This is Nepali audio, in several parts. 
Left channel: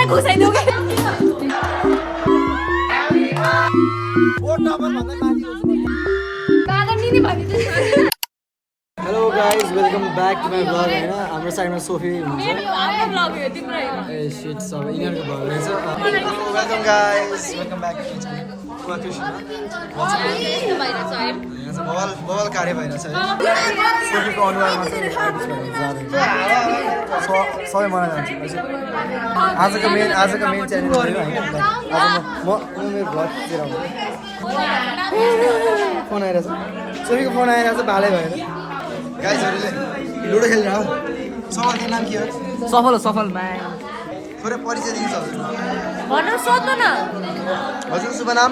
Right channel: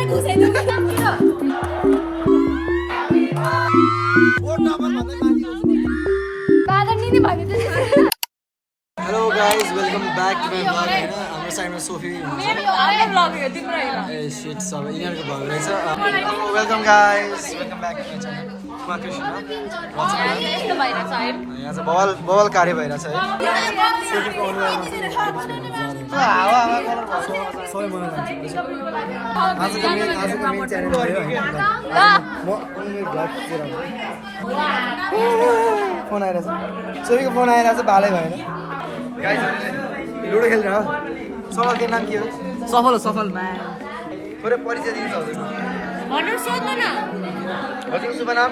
मुखमै घुसाइदेऊ के hello guys welcome back to my vlog होइन हाम्रो साइडमा सोफी हुनुहुन्छ ए सिट सबै यिनीहरूको भ्लग रहेछ welcome guys welcome back to my channel यहाँ चाहिँ बवाल कार्य भइरहेछ है सोफीको अनुहारमा चाहिँ सबै मलाई जान्छ आजको मेन च्यानल भयो होइन आज म मेरो भ्लग खिचेर आउँछु फोन आइरहेछ सोफीको फोन आइरहेछ भालै भएन गाइजहरूले लुडो खेलिरह सफल तिम्रो नाम के हो सफल म्यान थोरै परिचय दिन्छ हजुर भनेर सोध्नु न हजुरको शुभ नाम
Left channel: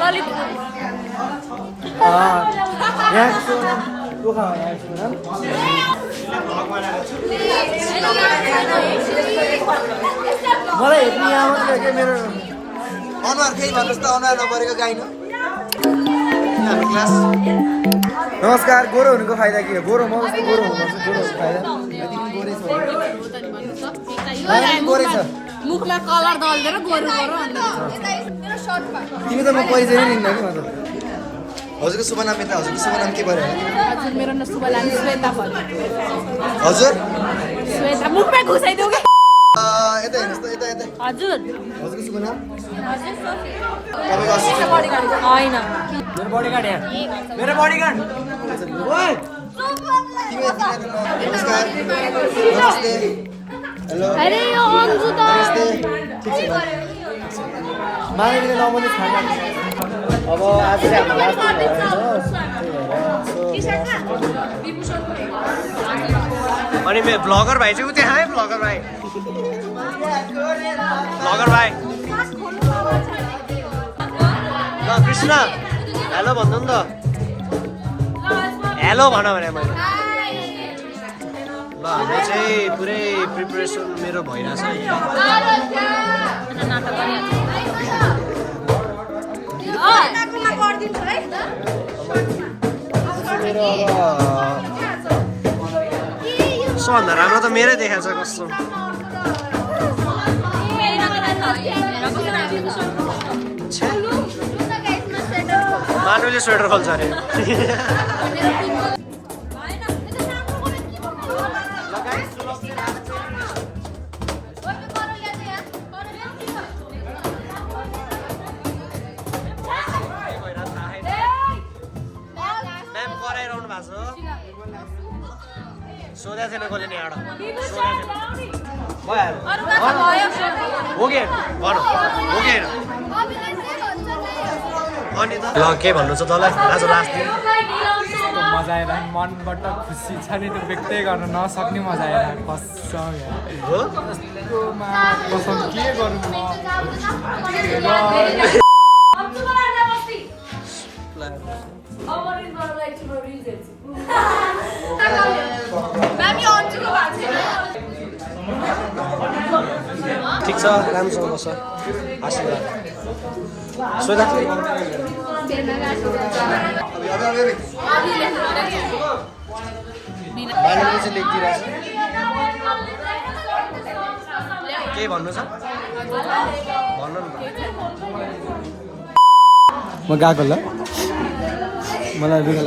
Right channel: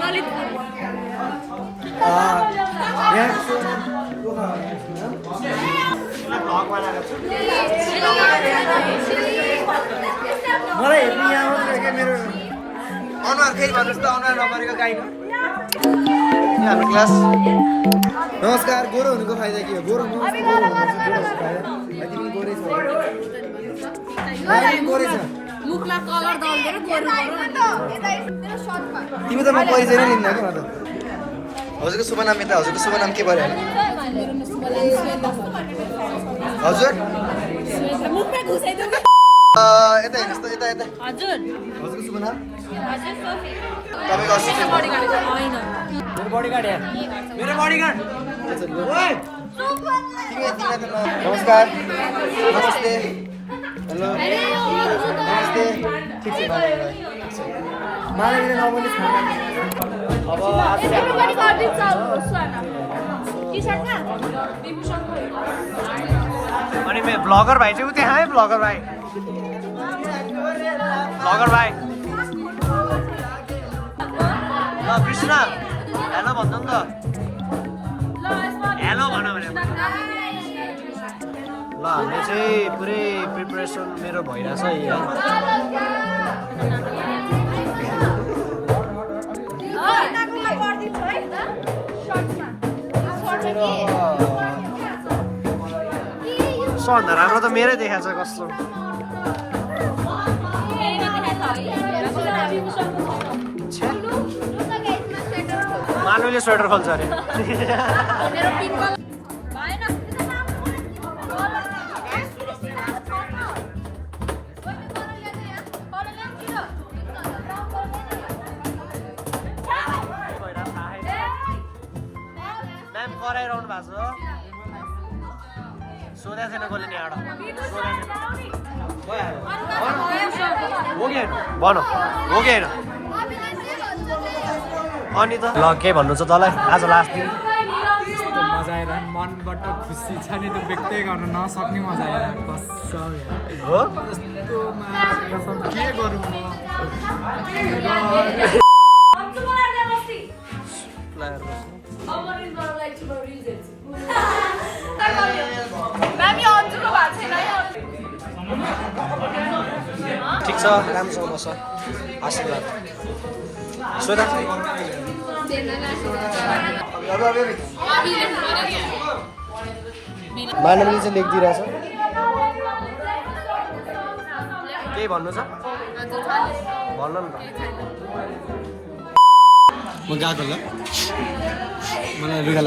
ललित यहाँ शुभ नाम टोखा होला मलाई हेप्ने यहाँ मात्रै के मेरो अनुहार त्यही भन्नुहोस् त अनुहार नपरेको गाइनु हाम्रो क्लास नमस्कार गोरो हुनुको फाइदा के हो गोरो म जस्तो गोरो हुनुपर्छ गोरो हुनुको फाइदा तिमी गोरै छौ गोरै छ मुखलाई कलर दल्देर गोरु तिमी त म परिचय नै लिन्न कि म त हजुरको शुभ नाम यता हजुरको शुभ नाम के पर्यो मेरो नाम शुभलाल श्वेता पर्यो हजुर श्वेता मुखमै घुसाइदेऊ के यता हेर्नुहोस् त यता यता हजुर हजुरको शुभ नाम हजुर सोफी तपाईँको असिस्टेन्ट हैन मेरो बडीगार्ड यहाँ मेरो बडीगार्ड ओए नमस्कार नमस्ते हेलो अरे यो अन्जु त मानवीले नबन्ने खाना अब आज चाहिँ हाम्रो लास्ट अनि मेरो भ्लगर भाइ चाहिँ उ त्यहाँ है भ्लगर भाइ ल कृष्ण हेलो भन्नु नि त हेलो भन भने मैले ल हामी चाहिँ पुरै प्रिपरेसन मेरो भइरहेछ सबभन्दा राम्रो त मेरै देखाएको छ कस्तो मानुले स्वेटर खोल्छ अरे म्याम कराइरहनु भएको छ सोधेको थिएन कसले नि एउटा सोधेको थिएन हो कि भन हो कि होइन अनि त ल के भन्नु छ तँलाई आज लास्ट दिन मजा आएर मनबाट खुसी छ नि त्यो व्यक्तै गर्न नसक्ने मजा आएर कसम हो के गरौँ म ठिक छ राम्रोसँग बस्छ आशीर्वाद सोधा केही भन्नु छ भन्नु नि त म गएको ल मलाई रुगा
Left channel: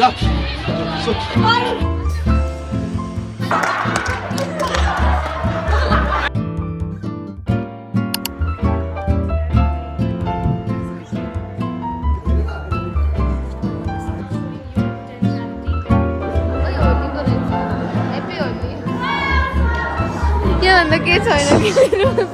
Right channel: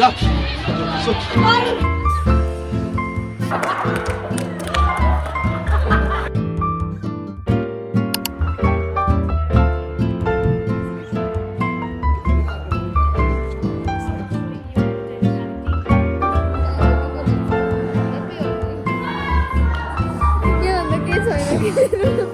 लाग्छ त्योभन्दा के छैन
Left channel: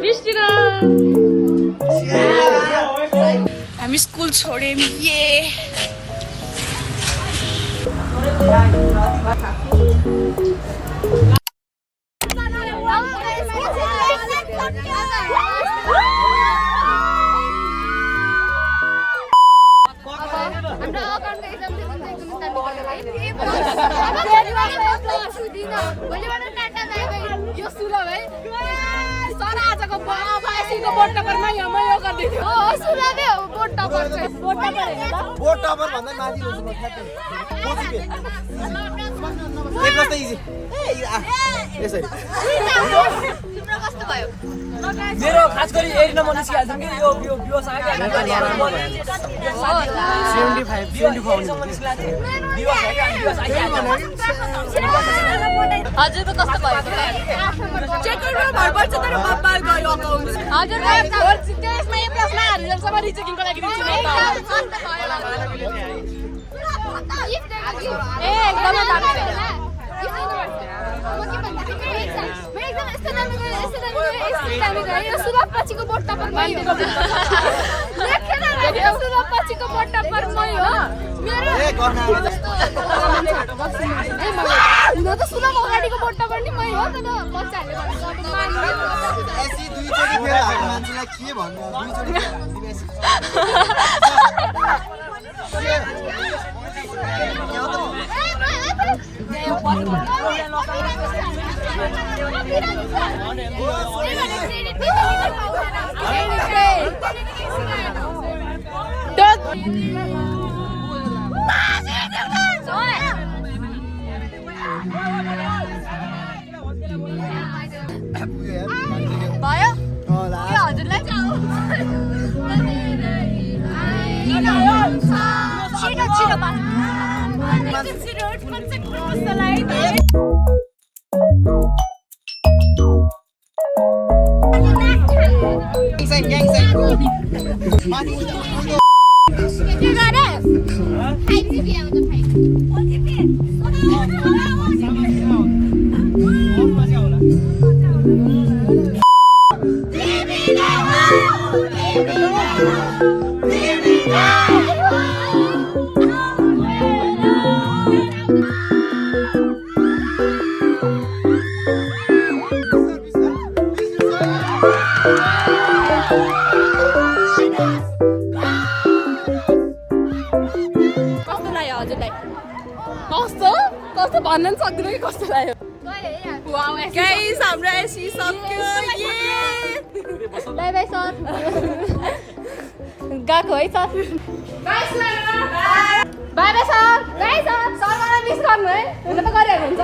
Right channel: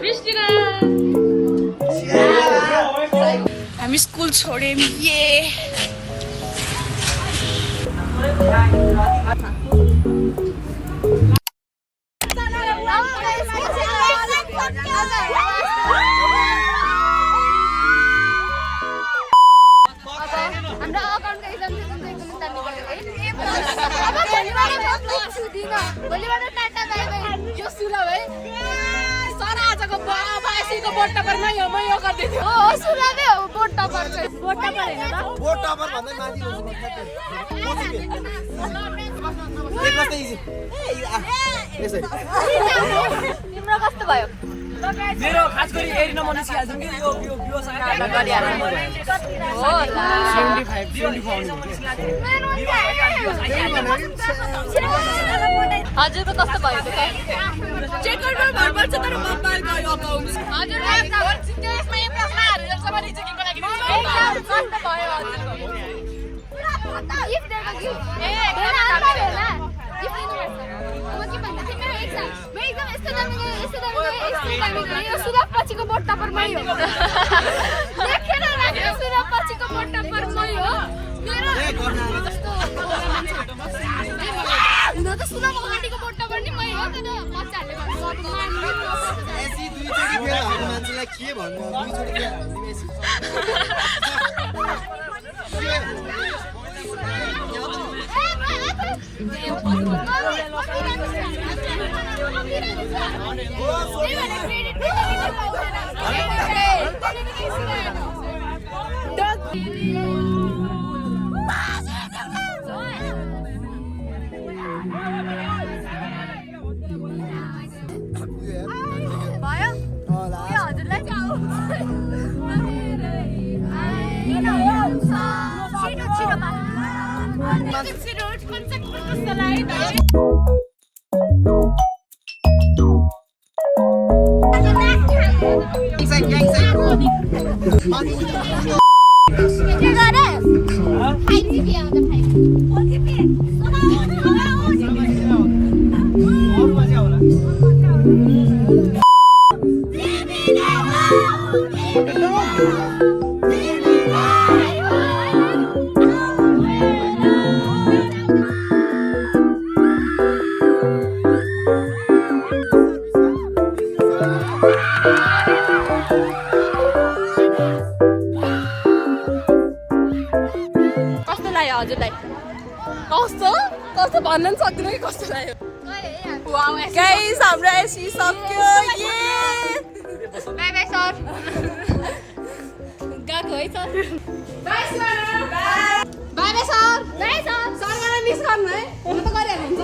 Вишня! हामी स्कुल छोड्यौँ ये हाम्रो अकाउन्टको एक्जाम चाहिँ एकदमै दामी गयो है अब भोलिबाट म छुदिन भोलिबाट टाटा बाइ बाइ यो सुला भाइ सर आजको अब एसीको बोर्ड टपरमा यो गर्दै थियो हो सुलाले हो बोर्ड टपर चाहिँ बोर्ड टपर हैन त बोर्ड टपर भन्दा माथि हुन्छ म ठ्याक्कै एक कस्तो इजी यसरी तिम्रो कस्तो भयो मेरो खास गरी एरी नम्बर निस्किहाल्छ कि यो व्यवसाय होला 75 हजुरको कस्तो भयो त चेकरमा भर पर्छ तर बब्बाल गयो अकाउन्ट हजुरलाई त्यसमा ए प्लसमा हालेरसम्म रिचेकिङको लागि एकदम कस्तो भयो हजुरको ए एकदमै दामी भयो यो सुलभ पछिको बोर्ड टपरमा यो लेखेर राख्यो सुलभ पछिको बोर्ड टपरमा यो मेरो हुन त सुलभ अगाडिको बोर्ड टपर नि मै हो तर बच्चाहरूले भनेको अब मान्दैन एसी दुईचोटी फेर हामी मान्छेलाई के भन्नु दुईचोटी फेर भयो यो हजुरलाई के गरे आइसिपी आउँछ कस्तो भन्न सक्दिनँ कि कस्तो लाग्यो गाइस हाम्रो एसी सक्यो बाई बाई सर गएको है सर बाई बाई सर सरलाई मिस गर्नु है हुन त गरिहाल्नु हुन्छ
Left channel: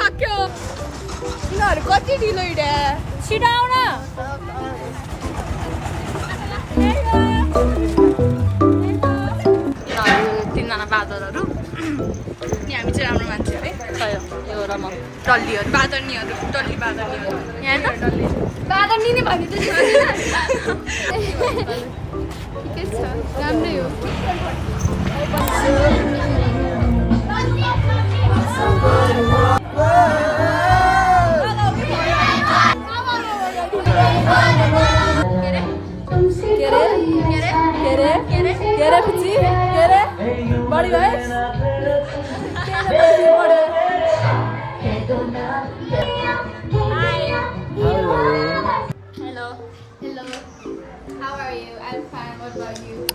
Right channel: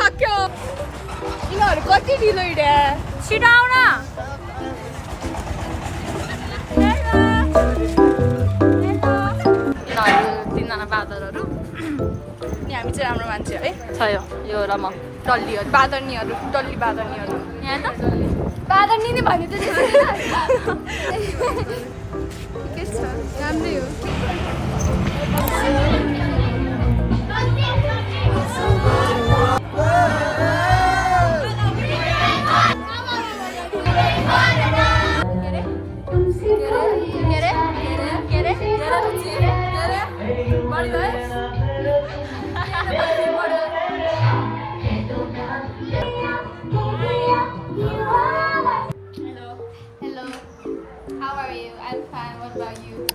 सक्यो तिमीहरू कति ढिलो हिँडे छिटो आउन तिनजना बादरहरू नि हामी चाहिँ हाम्रो मान्छे है खयो यो रमङ टल्लीहरू बादर्नीहरू टल्ली बादर्नी यहाँ त बादर नि भन्यो ठिकै छ राम्रै हो Hello. How are you? I'm fine. What about you?